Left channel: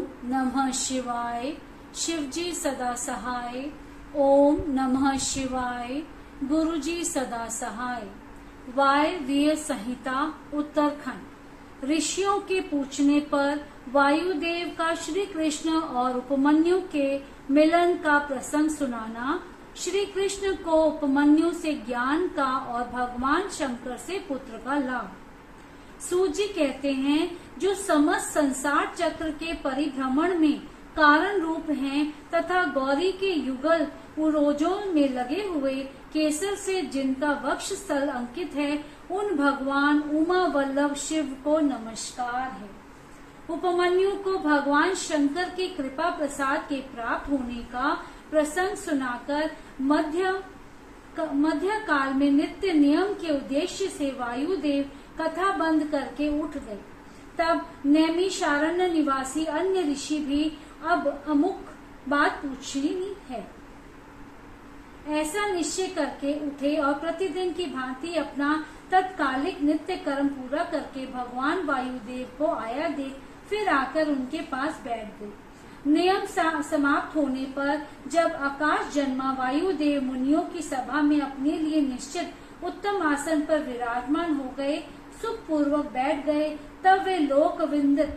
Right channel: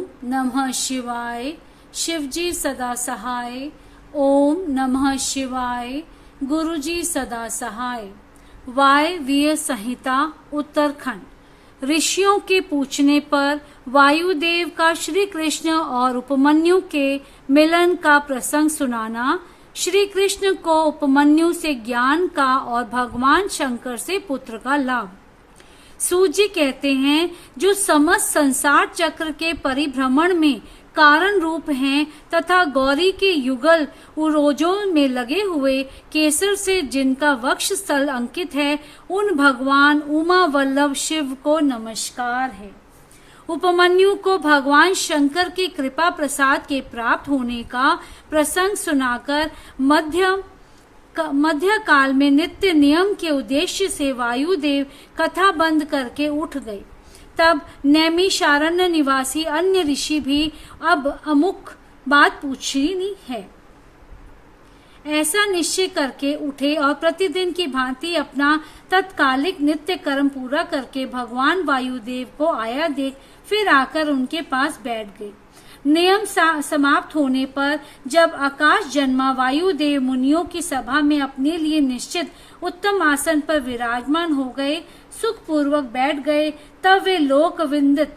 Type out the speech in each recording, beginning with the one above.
ओम नमः शिवाय। शिवजी सदा सहाय। ओम नमः शिवाय। गुरुजी सदा सहाय। वायव्य संहिता उत्तरखंड। ऋषियों के पूछने पर वायुदेव का श्री कृष्ण और उपमन्यु के मिलन का प्रसंग सुनाना। श्री कृष्ण को उपमन्यु से ज्ञान का और भगवान शंकर से पुत्र का लाभ। सूत जी कहते हैं, जो समस्त संसार चक्र के परिभ्रमण में कारण रूप हैं तथा गौरी के युगल उरोजों में लगे हुए केसर से जिनका वक्ष स्थल अंकित है, उन भगवान उमा वल्लभ शिव को नमस्कार है। उपमन्यु को भगवान शंकर की कृपा प्रसाद के प्राप्त होने का प्रसंग सुनाकर मध्य काल में नित्य नियम के उद्देश्य से वायुदेव कथा बंद करके उठ गए। तब नैमिषारण्य निवासी अन्य ऋषि भी अब अमुक बात पूछनी है ऐसा निश्चय करके उठे और प्रतिदिन की भांति अपना तत्कालिक नित्य कर्म पूरा करके भगवान वायुदेव को आया देख फिर आकर उनके पास बैठ गए। नियम समाप्त होने पर जब आकाश जन्मा वायुदेव मुनियों की सभा में अपने लिए निश्चित उत्तम आसन पर विराजमान हो गए, सुख पूर्वक बैठ गए, तब वे लोकविंदित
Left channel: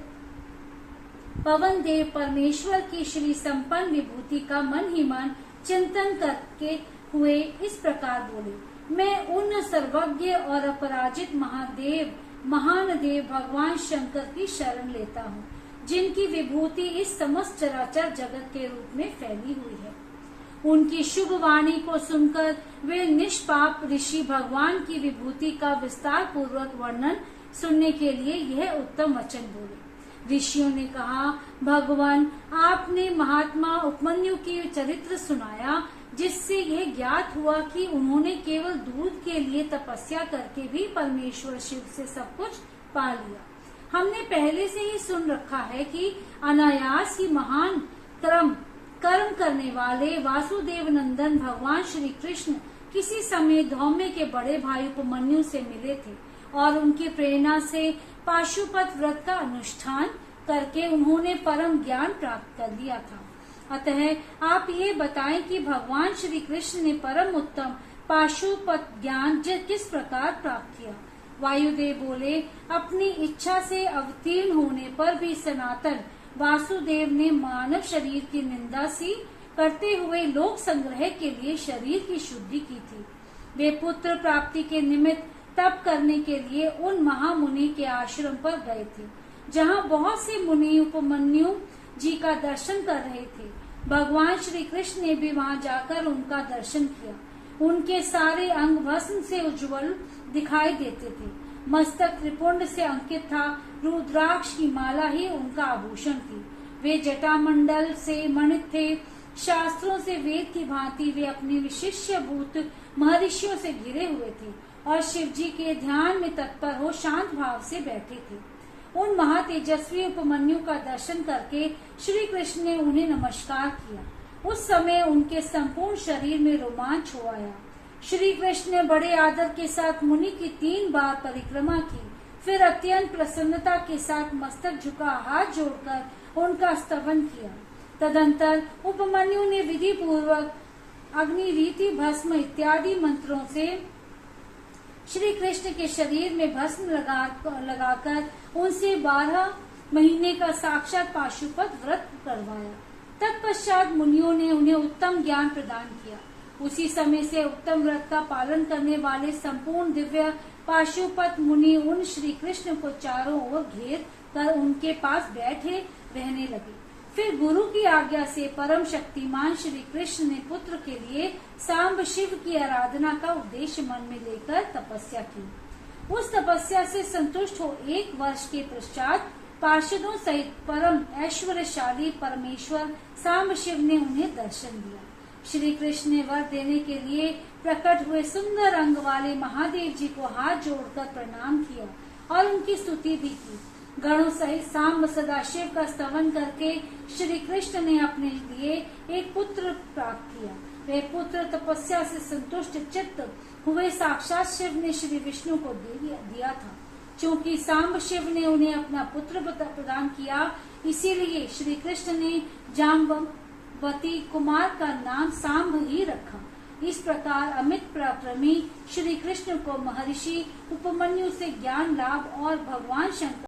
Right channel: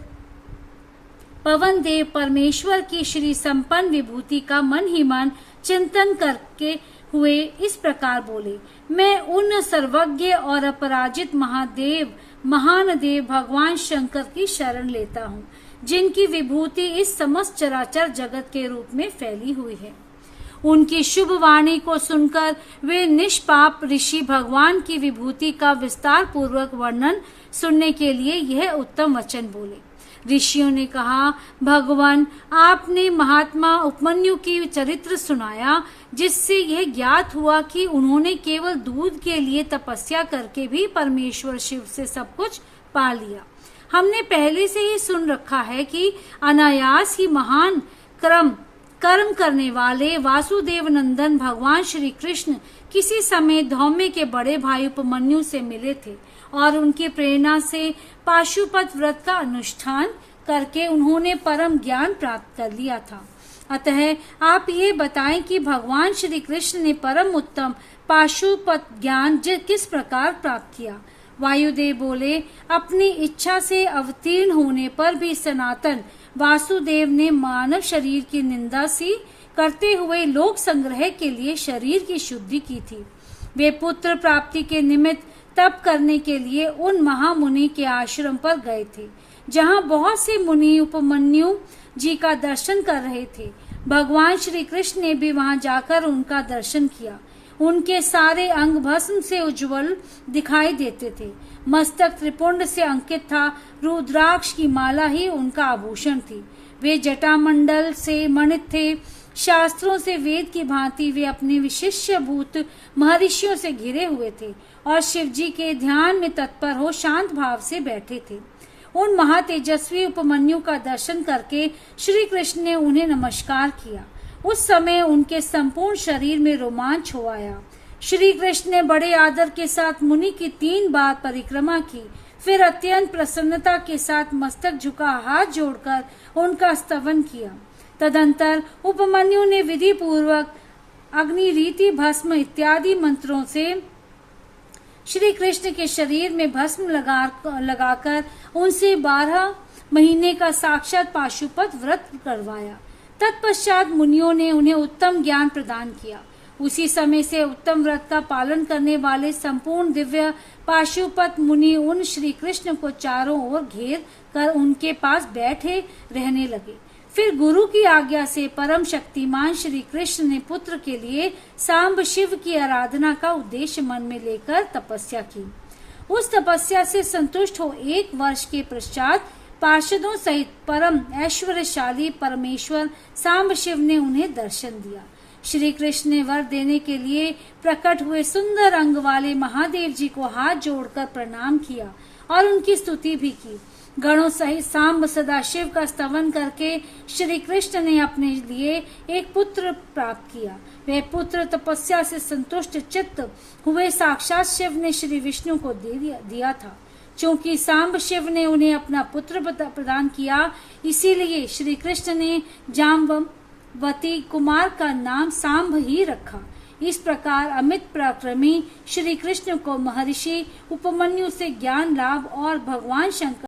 पवन देव परमेश्वर की श्री संपन्न विभूति का मन ही मन चिंतन करके हुए इस प्रकार बोले, मैं उन सर्वज्ञ और अपराजित महान देव भगवान शंकर की शरण लेता हूँ, जिनकी विभूति इस समस्त चराचर जगत के रूप में फैली हुई है। उनकी शुभ वाणी को सुनकर वे निष्पाप ऋषि भगवान की विभूति का विस्तार पूर्वक वर्णन सुनने के लिए यह उत्तम वचन बोले। ऋषियों ने कहा, भगवान, आपने महात्मा उपमन्यु की चरित्र सुनाया, जिससे यह ज्ञात हुआ कि उन्होंने केवल दूध के लिए तपस्या करके भी परमेश्वर शिव से सब कुछ पा लिया। हमने पहले से ही सुन रखा है कि अनायास ही महान कर्म करने वाले वासुदेव नंदन भगवान श्री कृष्ण किसी समय धौम्य के बड़े भाई उपमन्यु से मिले थे और उनकी प्रेरणा से पाशुपत व्रत का अनुष्ठान करके उन्होंने परम ज्ञान प्राप्त कर लिया था। अतः आप ये बताएं कि भगवान श्री कृष्ण ने परम उत्तम पाशुपत ज्ञान किस प्रकार प्राप्त किया। वायुदेव बोले, अपनी इच्छा से अवतीर्ण होने पर भी सनातन वासुदेव ने मानव शरीर की निंदा सी करते हुए लोक संग्रह के लिए शरीर की शुद्धि की थी। वे पुत्र प्राप्ति के निमित्त तप करने के लिए उन महामुनि के आश्रम पर गए थे, जहां बहुत से मुनि उपमन्यु जी का दर्शन कर रहे थे। भगवान श्री कृष्ण ने भी वहां जाकर उनका दर्शन किया। उनके सारे अंग भस्म से उज्जवल दिखाई देते थे। मस्तक त्रिपुंड से अंकित था। रुद्राक्ष की माला ही उनका आभूषण थी। वे जटामंडल से मणित थे। शास्त्रों से वेद की भांति वे अपने विशिष्य भूत महर्षियों से घिरे हुए थे और शिव जी के ध्यान में तत्पर हो शांत भाव से बैठे थे। उन महातेजस्वी उपमन्यु का दर्शन करके श्री कृष्ण ने उन्हें नमस्कार किया। उस समय उनके संपूर्ण शरीर में रोमांच हो आया। श्री कृष्ण ने बड़े आदर के साथ मुनि की 3 बार परिक्रमा की, फिर अत्यंत प्रसन्नता के साथ मस्तक झुका हाथ जोड़कर उनका स्तवन किया। तदंतर उपमन्यु ने विधि पूर्वक अग्नि रीति भस्म इत्यादि मंत्रों से श्री कृष्ण के शरीर में भस्म लगाकर उनसे 12 महीने का साक्षात पाशुपत व्रत करवाया। तत्पश्चात मुनियों ने उन्हें उत्तम ज्ञान प्रदान किया। उसी समय से उत्तम व्रत का पालन करने वाले संपूर्ण दिव्य पाशुपत मुनि उन श्री कृष्ण को चारों ओर घेर कर उनके पास बैठे रहने लगे। फिर गुरु की आज्ञा से परम शक्तिमान श्री कृष्ण ने पुत्र के लिए सांब शिव की आराधना का उद्देश्य मन में लेकर तपस्या की। उस तपस्या से संतुष्ट हो 1 वर्ष के पश्चात पार्षदों सहित परम ऐश्वर्यशाली परमेश्वर सांब शिव ने उन्हें दर्शन दिया। श्री कृष्ण ने वर देने के लिए प्रकट हुए सुंदर अंग वाले महादेव जी को हाथ जोड़कर प्रणाम किया और उनकी स्तुति भी की। गणों सहित सांब सदाशिव का स्तवन करके श्री कृष्ण ने अपने लिए एक पुत्र प्राप्त किया। वह पुत्र तपस्या से संतुष्ट चित्त हुए साक्षात शिव ने श्री विष्णु को दे दिया था। चूंकि सांब शिव ने उन्हें अपना पुत्र प्रदान किया, इसीलिए श्री कृष्ण ने जाम्बवती कुमार का नाम सांब ही रखा। इस प्रकार अमित पराक्रमी श्री कृष्ण को महर्षि उपमन्यु से ज्ञान लाभ और भगवान शंकर